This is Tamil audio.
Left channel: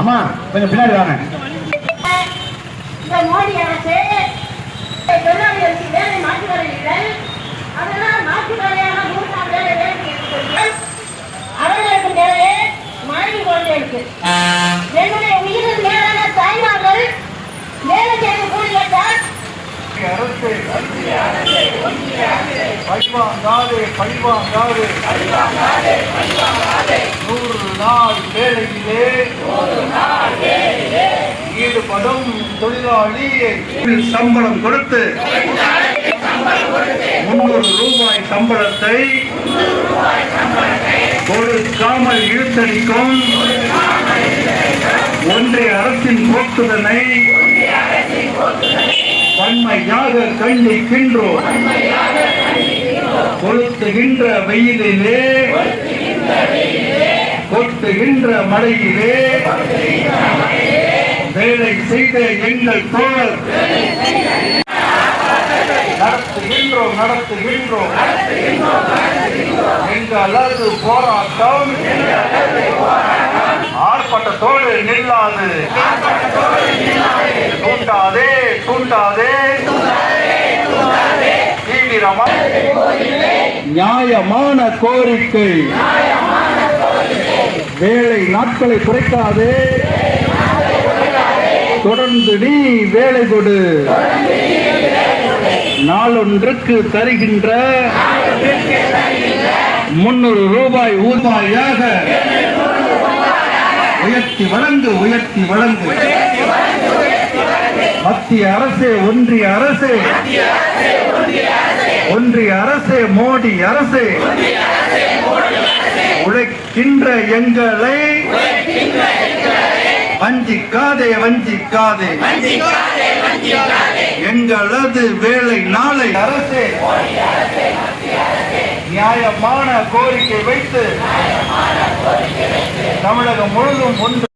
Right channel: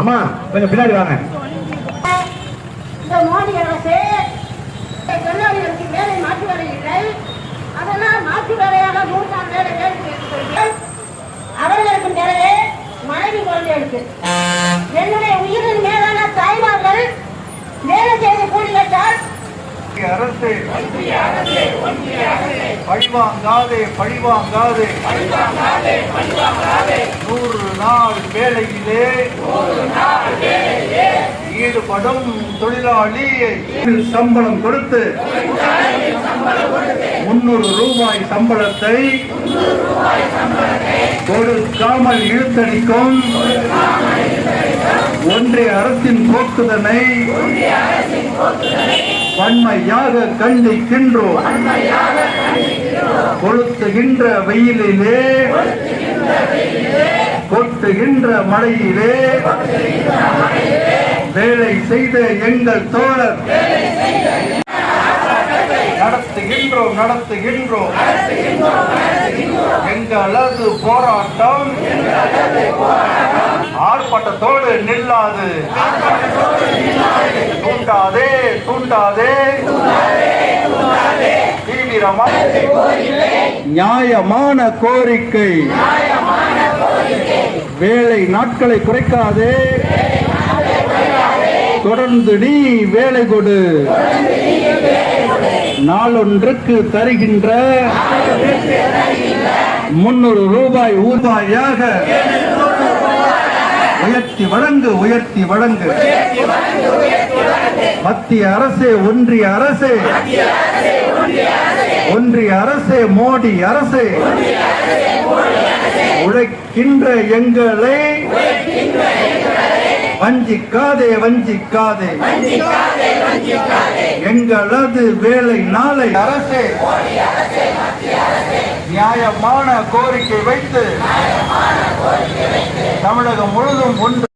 அம்மா கொஞ்சம் பின்னாடி வாங்க. இந்த மோடி அரசு தொழிலாளர்களுக்கு வேலை மாற்று வேலைகள் அதனால் மாற்று வேலையான 100 வேலை வேலை அவர்களுக்கு தேவையே மனைவி குழந்தைகளுக்கு என்னுடைய உயிரின் மேலான தாய்மார்கள் வேலை செய்யக்கூடியதால் அரசு பழிவாங்காதே 100 நாள் வேலையிலே ஈடுபடும் தொழிலாளியை சம்பளம் கொடுத்து 300 ரூபாய் சம்பளத்தை கொடுக்காமல் இழுத்தடிக்கும் ஒன்றிய அரசின் போக்குதனை வன்மையாக கண்டிக்கின்றோம். கொளுத்துகின்ற வெயிலிலே கொட்டுகின்ற மழையிலே வேலை செய்த எங்கள் தோழர் நடத்துகின்றோம் எங்களது போராட்டம் ஆர்ப்பாட்டத்தோடு நில்லாது. தூண்டாதே நியாயமான கோரிக்கை. வேலை நாட்களை குறைக்காதே, தொடர்ந்து நீ வேலை கொடு. நாளொன்றுக்கு தருகின்ற 300 ரூபாய் ஊதியாக உயர்த்தி வழங்கு. மத்திய அரசே, ஒன்றிய அரசே, மோடி அரசே, உழைக்கின்ற எங்களை வஞ்சிக்காதே. எங்களது வேலை நாளை அரசே நியாயமான கோரிக்கை வைத்து தமிழகம் முழுதும் ஒன்று